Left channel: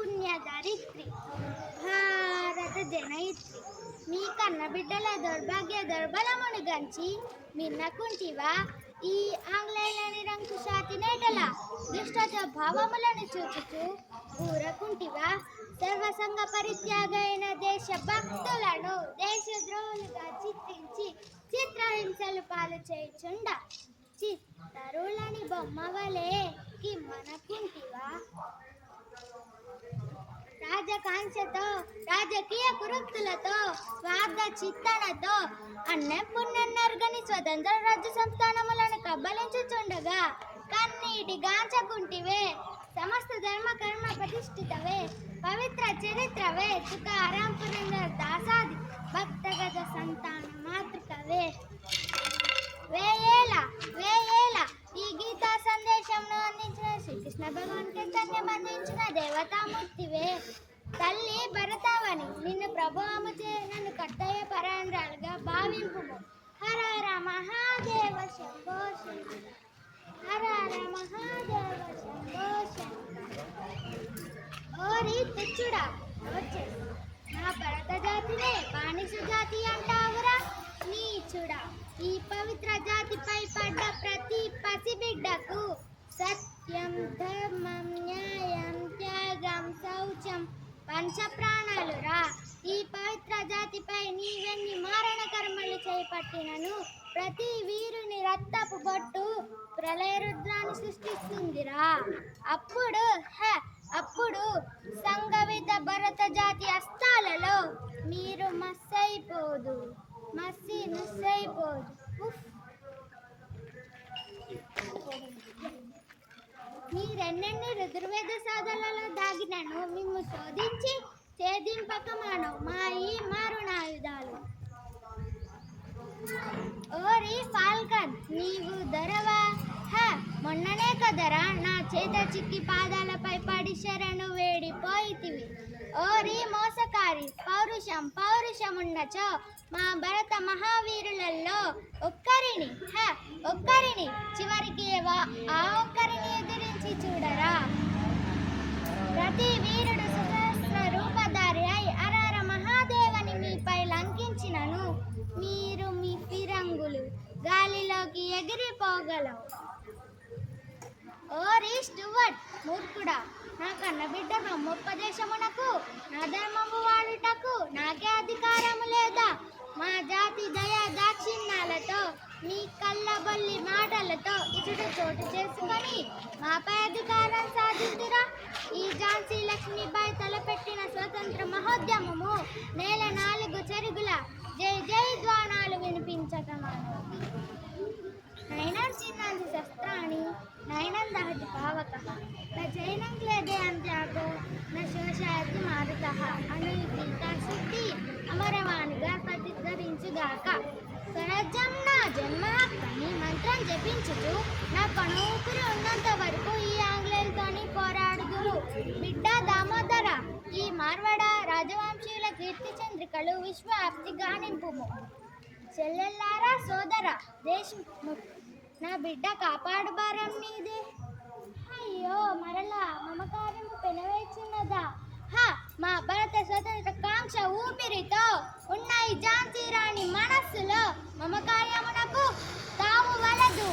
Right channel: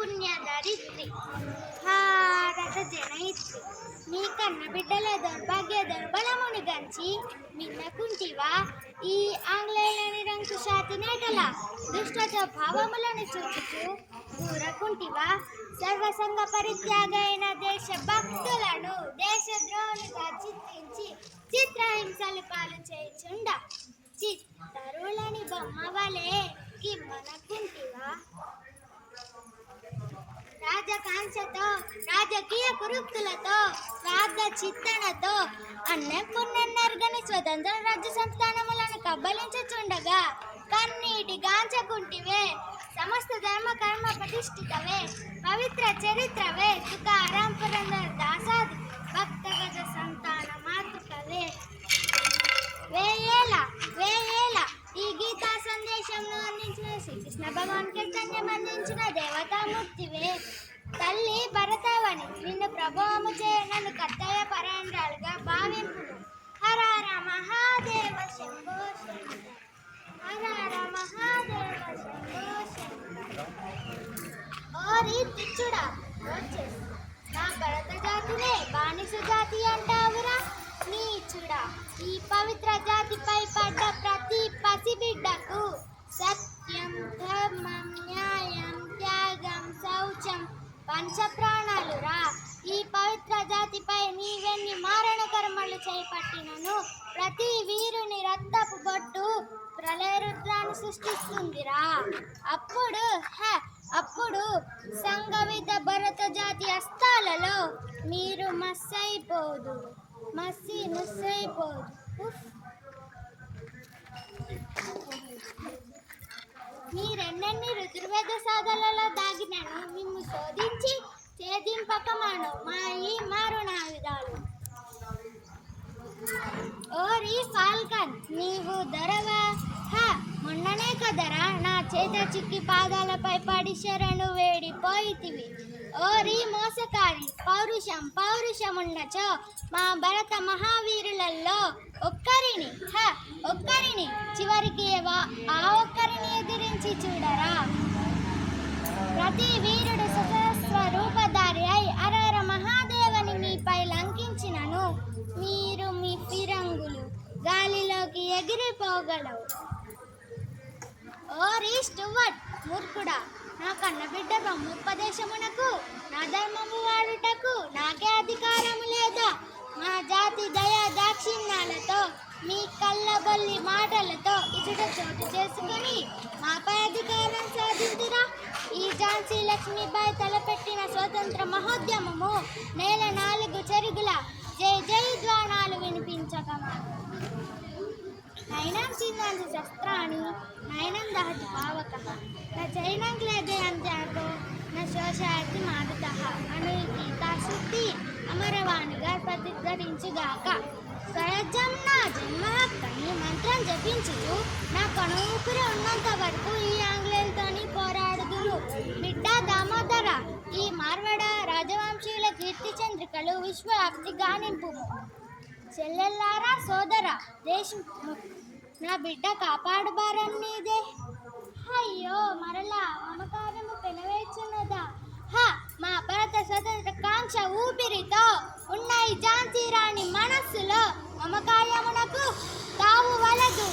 పుణ్యధరిత్రి భారత జనయిత్రి మీ కన్న బిడ్డల దౌర్భాగ్య దౌర్బలమును గంచి మిన్నకుంటివా ఈ ఆంగ్లేయుల నిరంకుశాతి నేటల దుష్ట స్వభావములను చూచుచు ఊరకుంటివా సర్వసంగ పరిత్యాగైన దేశ భక్తులను దేశద్రోహులుగా చిత్రించి చిత్రహింసలు పాలు చేయుచుండ చిత్తరులని బొమ్మ వలె కిమ్మనకుంటివా రాజకాంక్షతో రాజకీయ కురుక్తులతో స్వార్థ చిత్తనతో అన్నం పున్నెన్నరుగని స్వతంత్ర రాజ్య సంస్థానములను కబ్బలించుచుండగా కన్నీటి గాంచకుంటివే సమస్త ధర్మ కర్మ ప్రతిష్ఠితవే పవిత్ర చరిత్రవే తుకారాం పురందర దాసాది భక్తగత సంతాన మాతృకవే వేయేల ఈ గీతా సందేశంను అందించిన శ్రీకృష్ణ భగవాన్ కీర్తన్యం అందించిన దేవతామూర్తివే తల్లి భరతావని నిన్ను ప్రభావము చే నన్ను కర్తవ్య పరాయణరాలుగా భావింపు హర హర మహాదేవ శంభో శంకర హర హర మహాదేవ శంభో శంకర ఓరి తుచ్చుడా వచ్చేసి నా భరత జాతినే బానిస జాతి అంటావురా నీచుడా ఈ పవిత్ర జాతిపై పడ్డ ప్రతి పసిబిడ్డకు సత్యం ధర్మం న్యాయం త్యాగం శౌచం పంచప్రాణాలురా ఈ పవిత్ర జాతిపై నీవెన్ని మారణ కర్మలు చేపట్టినను ప్రతి వీరుని రక్తపు బొట్టు ప్రళయరుద్రాన్ని సృష్టిస్తుందిరా అప్పుడు సంగవిత భరత జాతి అస్తాలలో మీరు ముస్సైపోదు మీరెన్నెన్ని రుద్రవేద సాధనలలో దాగినను మిమ్ము శోధించి ఛేదింపకమాను మా ఈ మారుణాయుధాలు ఓరి ఫాల్కన్ నీవు దొరవా మొన్ననే కదరా నా చేత చిక్కి పాదాలపై పడి శరణు వేడిపోయితివి ఓరి మోసకారి పౌరుషముండచో మా భరత మహావీరులలో ఒక్కరిని చివరికి ఆ ఒక్కరిని ఎదిరించి చూడరా ప్రతి వీరుడు సహస్ర రూపధారి అయి అరర మహాదేవని మీపై లంకించినను మీరు మీ ఫిరంగులు గాలిలోకి ఎగిరిపోగలవు ఓరి స్టువర్ట్ మూర్ఖుడా నా కన్నబిడ్డ బ్రహ్మోపదేశమునకు నా ధర్మము వాడుటకు నాకే అధికారము లేదా మా జాతి దయా దాక్షిణ్యాలతో మీ కళ్ళబొల్లి మాటలతో ఇచుట చోటు చేసుకొని మాపై అధికారం సాధించురా ఈ ఝాన్సీ లక్ష్మీబాయి తలపెట్టిన స్వతంత్ర మహోద్యమము నేల 4 చెరుగుల జై జై ధ్వానాలు వినిపించకమా నైనం చిన్నాంసి శస్త్రాన్ని నైనం దహతి పావకః న చైనం క్లేదే అంత్యాగో న శోషాయతి మారుతః అను ఈ టీకాశుద్ధి అమరవాణిగా ప్రతిధ్వనించుగాక స్వరాజ్యం నా జన్మ హక్కని మంత్రం జపించుతూ నా కణూపిరి ఉన్నంత వరకు ఈ ఆంగ్లేయులతోని పోరాడుదురు బిడ్డ దామోదర ఈ మార్వడ రాజవంశీయుల కీర్తి చంద్రికలు విశ్వవ్యాప్తిగా నింపుము చెల్లెల్లారా సోదర దేశము నా బిడ్డ కాపాడు భారం నీదే అయ్యో మరలా మమకారము పెనవేచున్నదా మా భరత స్వతంత్ర కాంక్ష ఊపిరితో ఉన్న ఈ ఝాన్సీ రాణి మనస్సులో మమకార్యమునకు తాము వలదు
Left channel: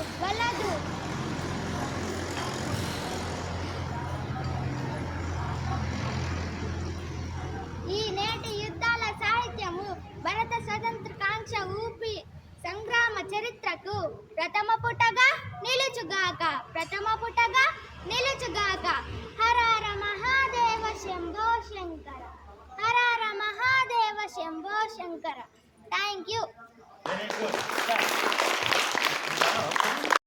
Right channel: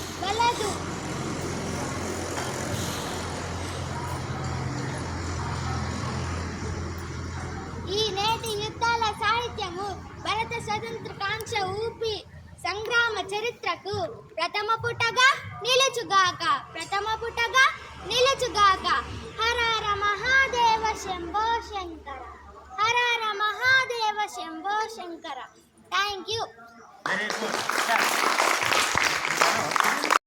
ఈ నేటి యుద్ధాల సాహిత్యము భరత స్వతంత్ర కాంక్ష ఊపి సంగ్రామ చరిత్రకు ప్రథమ పుటగా నిలుచుగాక హర హర మహాదేవ శంభో శంకర హర హర మహాదేవ శంభో శంకర థ్యాంక్ యూ.